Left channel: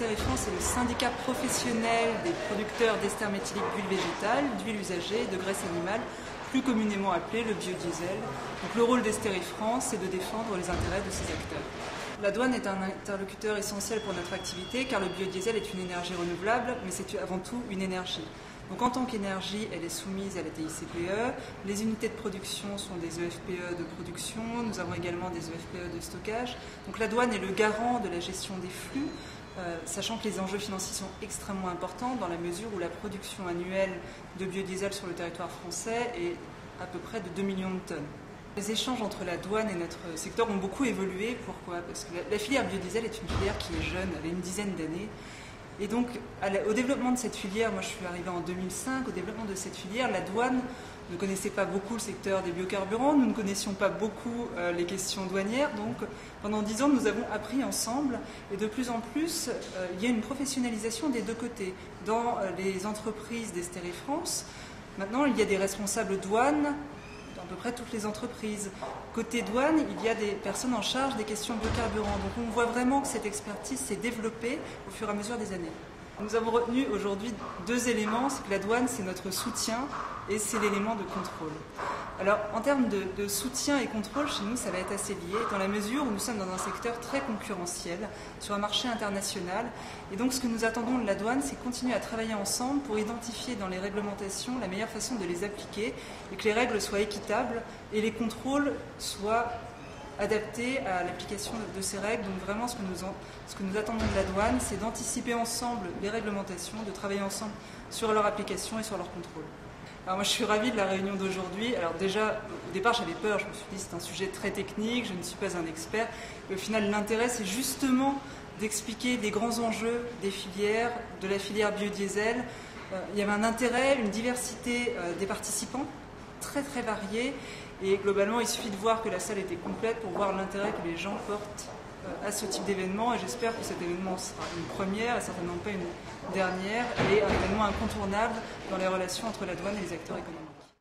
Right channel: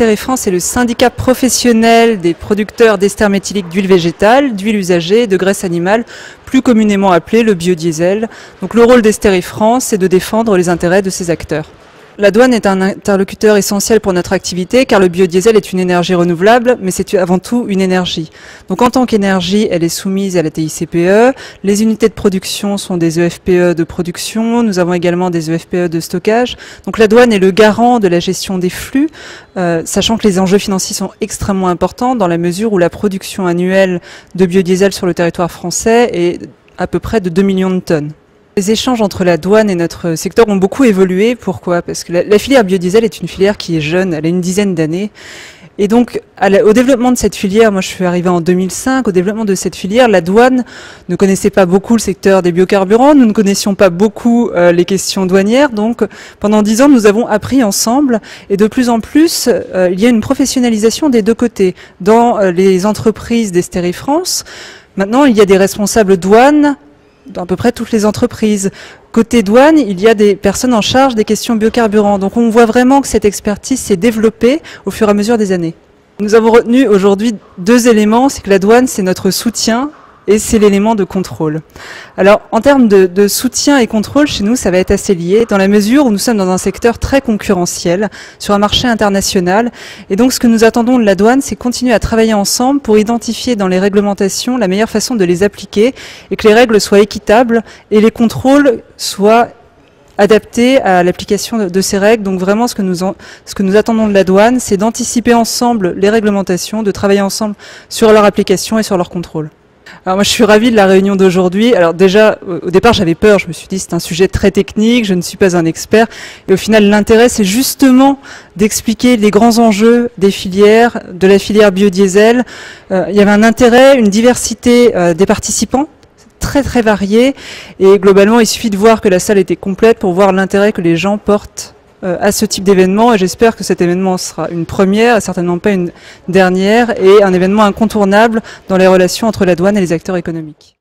Steréfrance est le syndicat professionnel des producteurs d'ester méthylique d'huile végétale, d'huile usagée et de graisse animale, plus communément appelé le biodiesel. Donc le rôle d'Steréfrance, c'est de défendre les intérêts de ces acteurs. La douane est un interlocuteur essentiel pour notre activité car le biodiesel est une énergie renouvelable, mais c'est avant tout une énergie. Donc en tant qu'énergie, elle est soumise à la TICPE. Les unités de production sont des EFPE de production. Nous avons également des EFPE de stockage. Donc la douane est le garant de la gestion des flux, sachant que les enjeux financiers sont extrêmement importants dans la mesure où la production annuelle de biodiesel sur le territoire français est à peu près de 2 millions de tonnes. Les échanges entre la douane et notre secteur ont beaucoup évolué. Pourquoi? Parce que la filière biodiesel est une filière qui est jeune, elle a une dizaine d'années. Et donc, au développement de cette filière, moi je suis arrivée en 2005, au développement de cette filière, la douane ne connaissait pas beaucoup le secteur des biocarburants, nous ne connaissions pas beaucoup les questions douanières. Donc, pendant 10 ans, nous avons appris ensemble. Et de plus en plus, il y a une professionnalisation des deux côtés. Dans les entreprises d'Steréfrance, maintenant, il y a des responsables douane dans à peu près toutes les entreprises. Côté douane, il y a des personnes en charge des questions biocarburants. Donc on voit vraiment que cette expertise s'est développée au fur et à mesure des années. Nous avons retenu aujourd'hui 2 éléments, c'est que la douane, c'est notre soutien et c'est l'élément de contrôle. Alors en termes de soutien et contrôle, chez nous, ça va être assez lié, dans la mesure où nous sommes dans un secteur très concurrentiel, sur un marché international. Et donc ce que nous attendons de la douane, c'est continuer à travailler ensemble pour identifier dans les réglementations la meilleure façon de les appliquer et que les règles soient équitables et les contrôles soient adaptés à l'application de ces règles. Donc vraiment ce que nous attendons de la douane, c'est d'anticiper ensemble les réglementations, de travailler ensemble sur leur application et sur leur contrôle. Alors moi je suis ravie de la réunion d'aujourd'hui. Alors déjà au départ j'avais peur, je me suis dit c'est un sujet très technique, je ne suis pas un expert. Et au final l'intérêt c'est justement d'expliquer les grands enjeux des filières, de la filière biodiesel. Il y avait un intérêt, une diversité des participants très très variée. Et globalement il suffit de voir que la salle était complète pour voir l'intérêt que les gens portent à ce type d'événement, et j'espère que cet événement sera une première et certainement pas une dernière, et un événement incontournable dans les relations entre la douane et les acteurs économiques.